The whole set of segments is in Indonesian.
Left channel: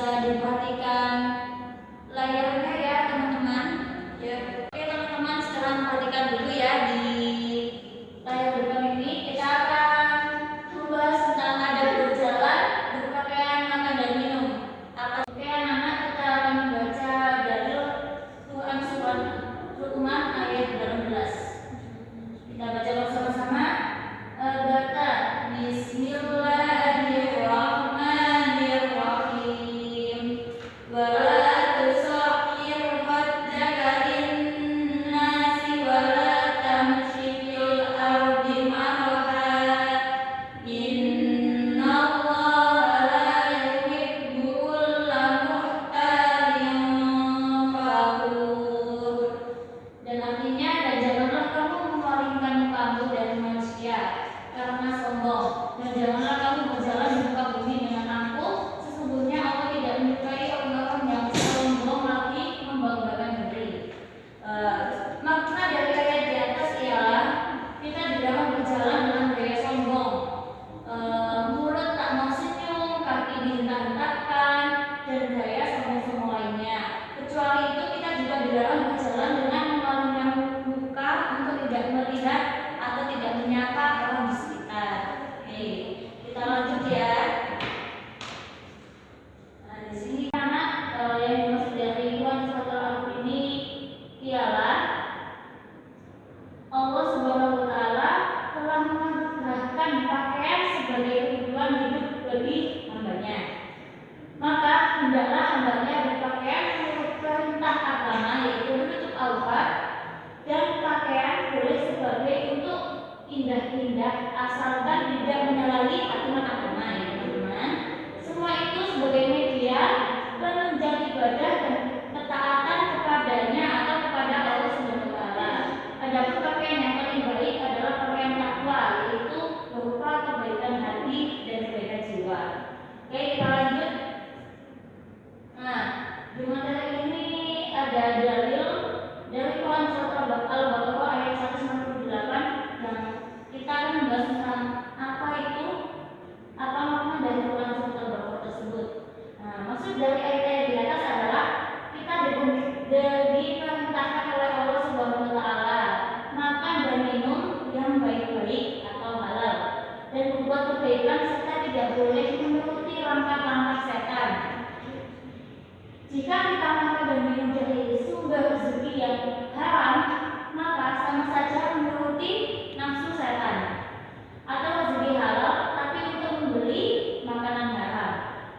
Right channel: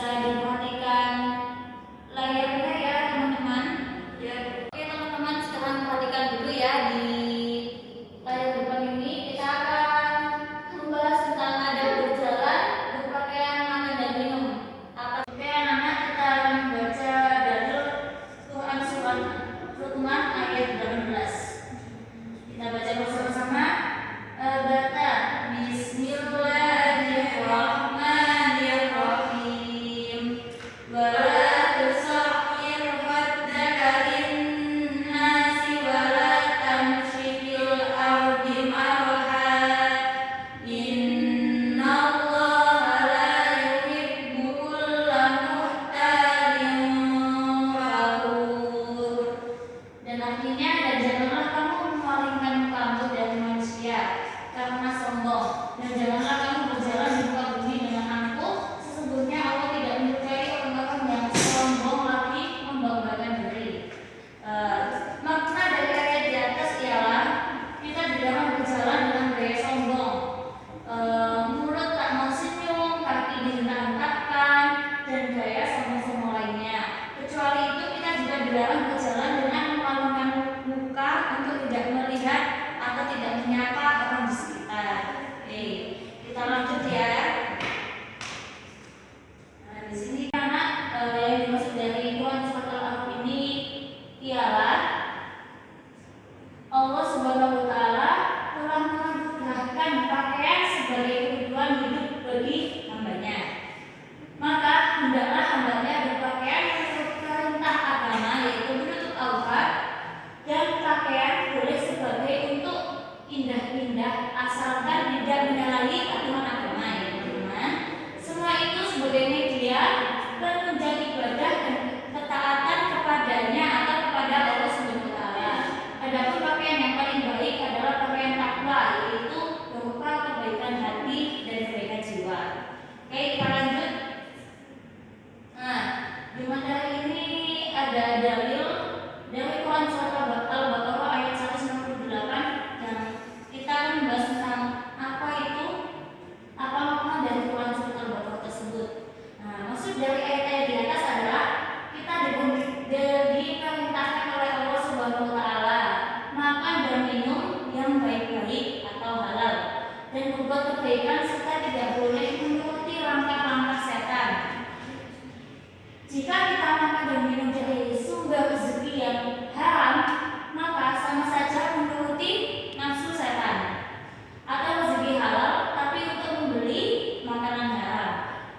bisa diperhatikan layarnya ya teman-teman. Ya, oke teman-teman, sekarang perhatikan dulu ya di layar depan ini. Kita akan membahas tentang adab berjalan, berpakaian, makan dan minum. Oke anak-anak, kita akan membaca dari Quran surat Luqman ayat 18. Kita baca bersama-sama. Baca Bismillahirrahmanirrahim. Wala tusakhir khaddaka linnasi wala tamshi fil ardi marha. Innallaha la yuhibbu kulla mukhtalin fakhur. Dan artinya, dan janganlah kamu memalingkan mukamu dari manusia karena sombong, dan janganlah kamu berjalan di muka bumi dengan angkuh. Sesungguhnya Allah tidak menyukai orang-orang yang sombong lagi membanggakan diri. Makna dari ayat di atas ialah kita dilarang berjalan dengan gaya sombong, mulut tak mau senyum, kaki dihentak-hentakkan, dan gaya sombong-sombong lainnya. Kecuali itu kita juga dilarang berjalan dengan memalingkan muka untuk tidak melihat atau tidak menyapa orang di sekitar. Oke, kita lanjut ya. Nah, di sini anak yang dimaksud dari Quran surat Al-Araf ini ialah Allah Subhanahu wa taala telah menganugerahkan pakaian sebagai kebutuhan hidup bagi hambanya. Maka hendaklah hambanya berpakaian menurut perintah agama, yaitu menutup aurat, dan pakaian boleh sebagai untuk indah-indah asalkan tidak menyalahi aturan agama ya teman-teman. Semua itu sebagai media penunjang ibadah dan ketaatan kepadanya atau kepada Allah Subhanahu wa taala. Adapun pakaian yang paling baik adalah pakaian takwa, yaitu berupa kebaikan hati dan kebaikan jiwa. Oke, kita lanjut. Nah, di materi ini ada dalil dari Quran surat Al-Baqarah ayat 168 yang kita akan membahas tentang apa makna dari Quran surat Al-Baqarah tersebut. Nah, maksud dari ayat-ayat di atas adalah kita diperintahkan oleh Allah Subhanahu wa taala makan dan minum yang baik-baik atau halal, dan berbuat kebaikan serta tidak boleh menuruti langkah-langkah setan. Jika kita makan dan minum dari sumber rezeki yang haram, maka sama saja menuruti nafsu setan. Atau rezeki halal tapi untuk membeli makanan haram,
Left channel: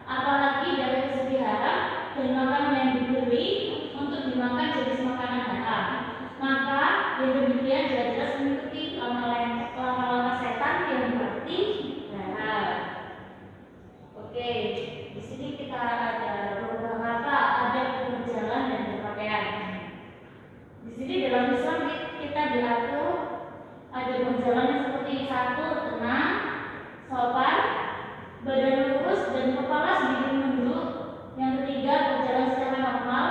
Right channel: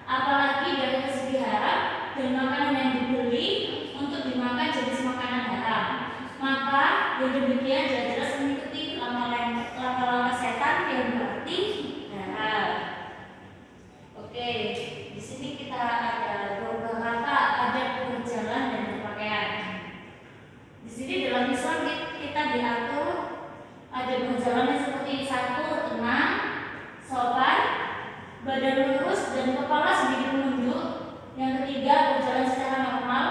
apalagi dari rezeki haram dan makanan yang dibeli untuk dimakan jenis makanan haram, maka yang demikian jelas-jelas mengikuti langkah-langkah setan yang berarti haram. Oke, di sini kita ada beberapa adab berjalan dan berpakaian. Di sini dalam Islam kita diatur ada berjalan seperti: satu, tenang, sopan, badan lurus dan kepala sedikit menunduk. Yang ketiga, berjalan secara normal,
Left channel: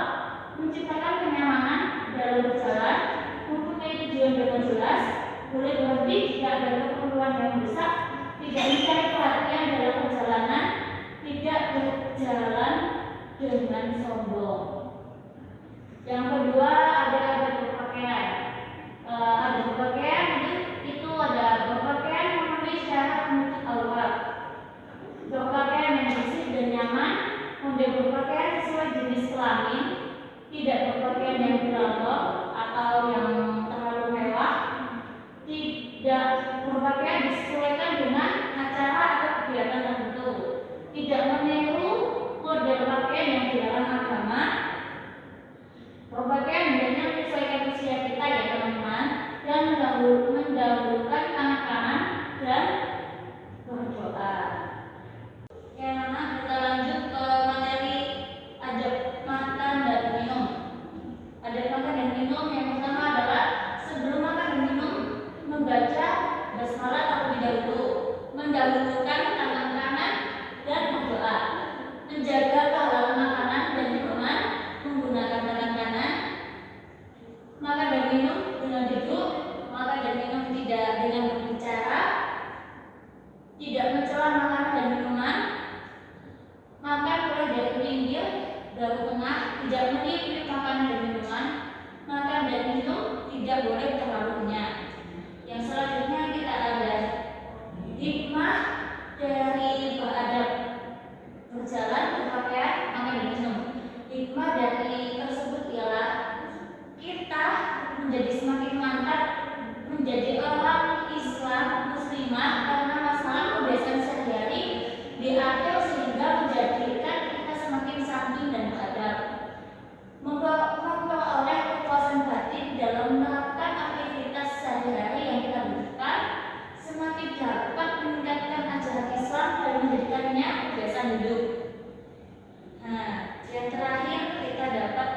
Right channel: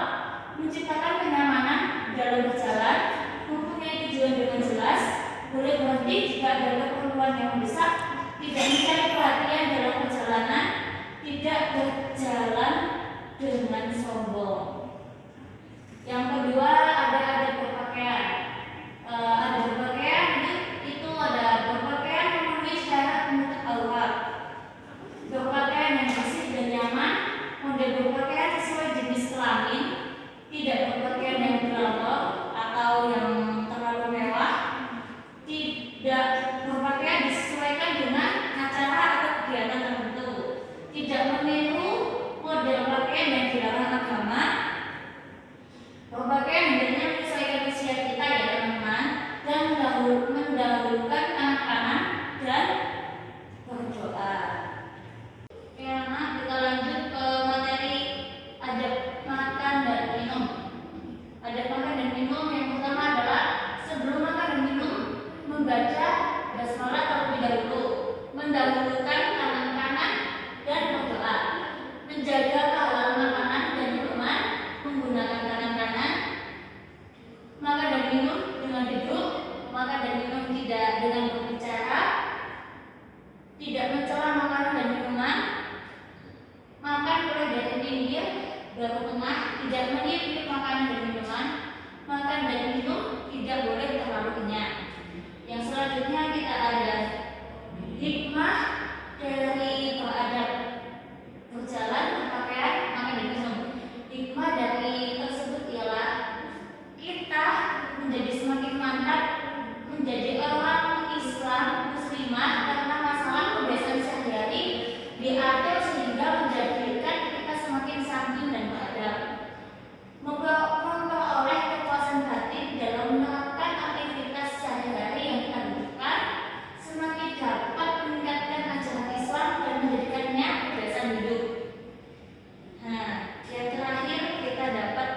menciptakan kenyamanan dalam berjalan, mempunyai tujuan dengan jelas, boleh berhenti jika ada keperluan yang mendesak, tidak mencari perhatian dalam perjalanan, tidak berjalan dengan sombong. Yang kedua, ada berpakaian. Ada berpakaian itu ada berpakaian memenuhi syarat menutup aurat, berpakaian yang bersih dan nyaman, model berpakaian sesuai jenis kelamin, tidak berpakaian yang berlambang atau yang terlalu mewah, tidak berpakaian disesuaikan dengan acara atau kegiatan tertentu, tidak meniru model pakaian yang dilarang agama. Berpakaian hendaknya menyesuaikan usia kita ya teman-teman, dan mendahulukan anak-anak dan berdoa. Oke anak, kita lanjut ke materi adab makan dan minum. Adab makan dan minum yang pertama adalah sebelum makan dan minum membaca basmalah terlebih dahulu, mendahulukan tangan kanan dan berdoa, menjaga kehalal makanan dan minuman menggunakan tangan kanan, makan dan minum dengan duduk, makan dan minum tidak dengan berbicara, tidak mencela makanan dan minuman, makan mulai dari bibir, baru tengah, tidak meniup makanan dan minuman. Makan dan minum tidak boleh terlalu kenyang. Yang selanjutnya kita ada hikmah dari beradab, berjalan, berpakaian, makan dan minum. Hikmah dari tersebut ialah kita menjadi semakin mantap menjadi orang Islam muslimah karena masalah kebiasaan sehari-hari diatur sehingga menjadikan kita semakin santun dan beradab, memperoleh kepuasan batin dalam menerapkan aktivitas sehari-hari yang kita lakukan, semakin dapat meningkatkan ajaran Islam dan menjadikannya kebiasaan hidup. Nah, yang terakhir kita dapat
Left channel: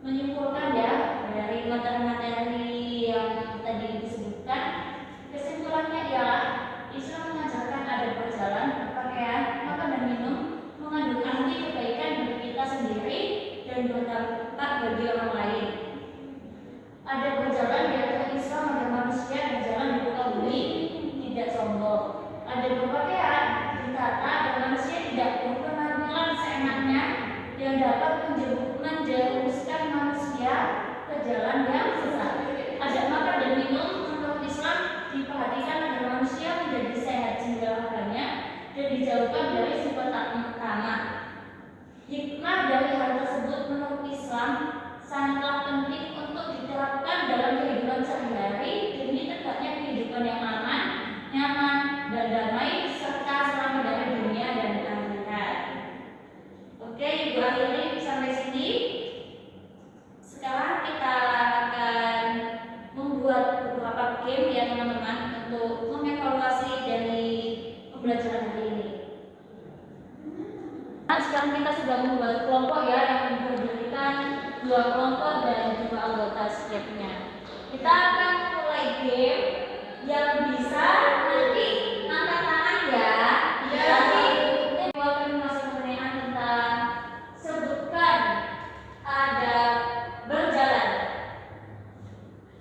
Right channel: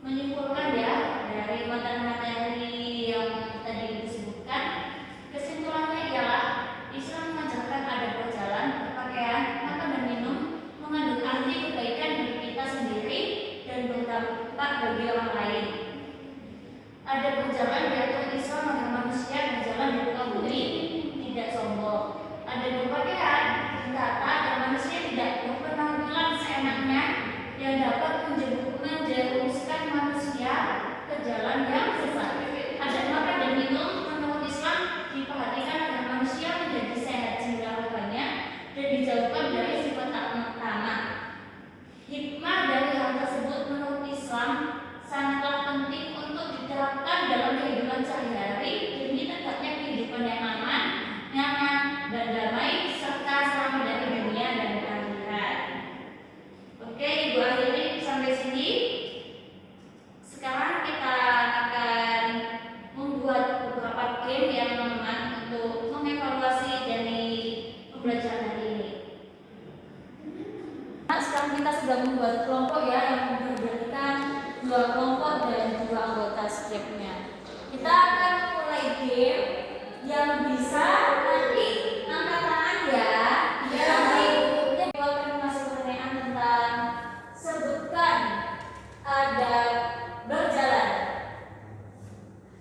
menyimpulkan ya dari materi-materi yang tadi disebutkan, kesimpulannya ialah Islam mengajarkan ada berjalan, berpakaian, makan dan minum mengandung arti kebaikan bagi kita sendiri dan berdampak bagi orang lain. Ada berjalan diatur Islam agar manusia berjalan di muka bumi tidak sombong. Ada berpakaian ditata agar manusia tidak berpenampilan seenaknya yang dapat menjerumuskan manusia ke jalan yang sesat. Ada makan dan minum menurut Islam diperhatikan agar manusia menjadi sehat jiwa raganya dan dijauhkan dari sifat tamak. Hikmah dari hal tersebut menurut Islam sangatlah penting untuk diterapkan dalam kehidupan sehari-hari demi tegaknya kehidupan yang aman, nyaman, dan damai serta selamat dari dunia dan akhirat. Oke, Ibu akhiri sampai sini. Sekarang kita akan membuat beberapa game ya teman-teman untuk mengevaluasi dari pembelajaran hari ini. Nah, sekarang kita sudah membuat kelompok ya yang berdirikan 2 kelompok dan 2 anggota setiapnya. Kita akan mulai game yang bisa nanti angkat tangan ya. Nanti kita akan masuk pertanyaan tentang sebutkan ada berjalan.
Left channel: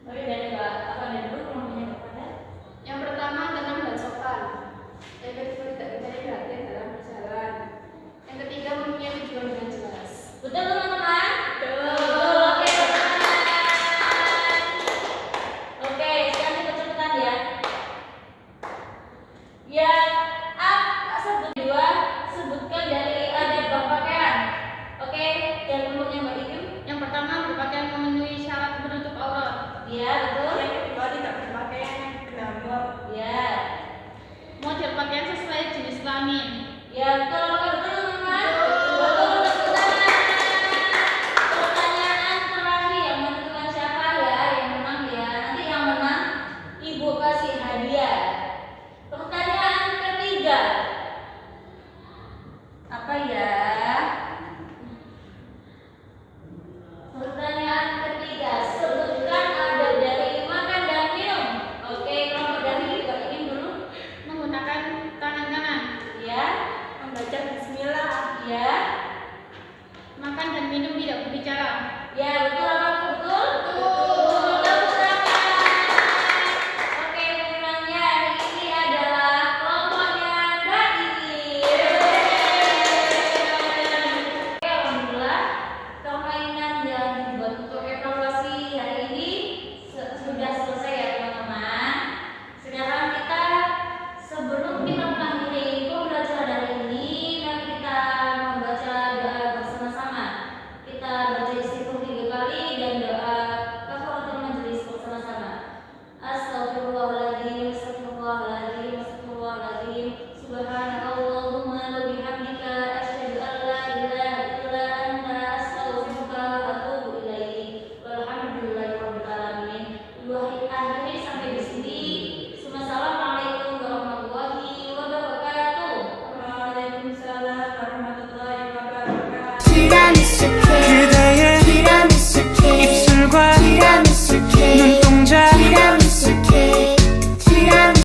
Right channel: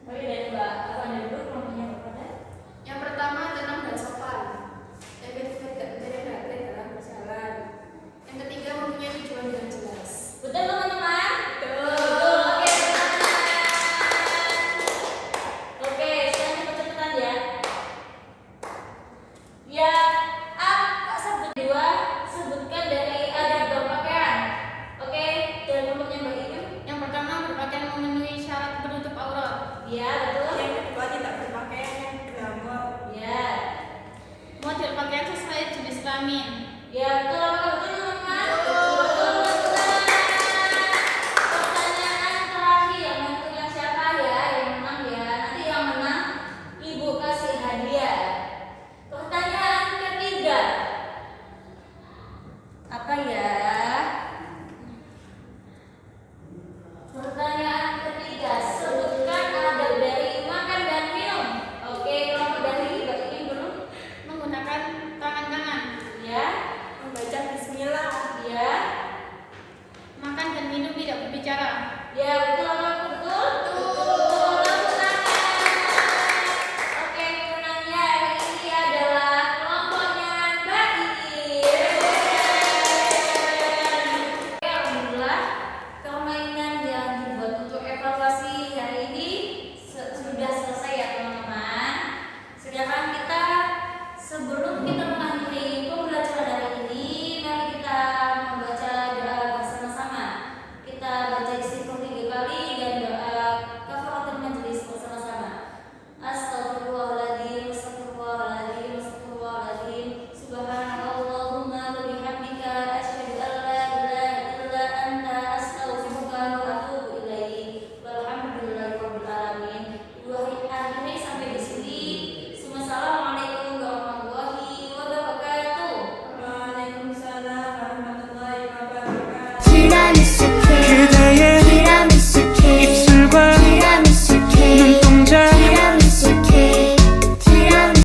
Oke, dari Mbak apa dulu kelompoknya kepada? Yang pertama dalam dan sopan. Yang kedua tidak mencari perhatian dalam berjalan. Yang ketiga mempunyai tujuan dengan jelas. Betul teman-teman? Betul. Oke, teman-teman. Oke, sekarang kita cepetan ya. Yang kedua sebutkan dari adab berpakaian. Oke, yang kelompoknya Mbak Ikim. Yang pertama berpakaian memenuhi syarat penutup aurat. Ya, betul. Yang kedua tidak berpakaian yang glamour. Ya. Model pakaian sesuai jenis kelamin. Ya, betul teman-teman. Betul. Pertanyaan terakhir yang menentukan siapa ya yang menang ya. Nanti yang menang Ibu kasih hadiah. Pertanyaan ketiga. Apa ya? Pertanyaan ketiga, sebutkan adab dari makan dan minum. Oke, kelompok dari Mbak Ikim dulu. Menggunakan tangan kanan. Ya, Membaca bismillah. ya, Makan dan minum tidak berbicara. ya, betul apa betul? Betul. Oke, pemenangnya hari ini adalah kelompoknya Mbak Ikim. Oke, alhamdulillah permainan yang dibuat untuk evaluasi hari ini sudah selesai ya teman-teman. Sekarang kita sebelum kita mengakhiri pembelajaran hari ini, mari kita membaca doa bersama-sama. Kita baca istighfar 3 kali dan doa kafaratul majelis bersama-sama. Astagfirullahaladzim, astagfirullahaladzim, astagfirullahaladzim. Subhanallahumma wa bihamdika asyhadu an la ilaha illa anta astaghfiruka wa atubu ilaik. Walhamdulillahirabbil alamin. Akhiri sampai di sini. Assalamualaikum warahmatullahi wabarakatuh. Waalaikumsalam warahmatullahi wabarakatuh. 시간이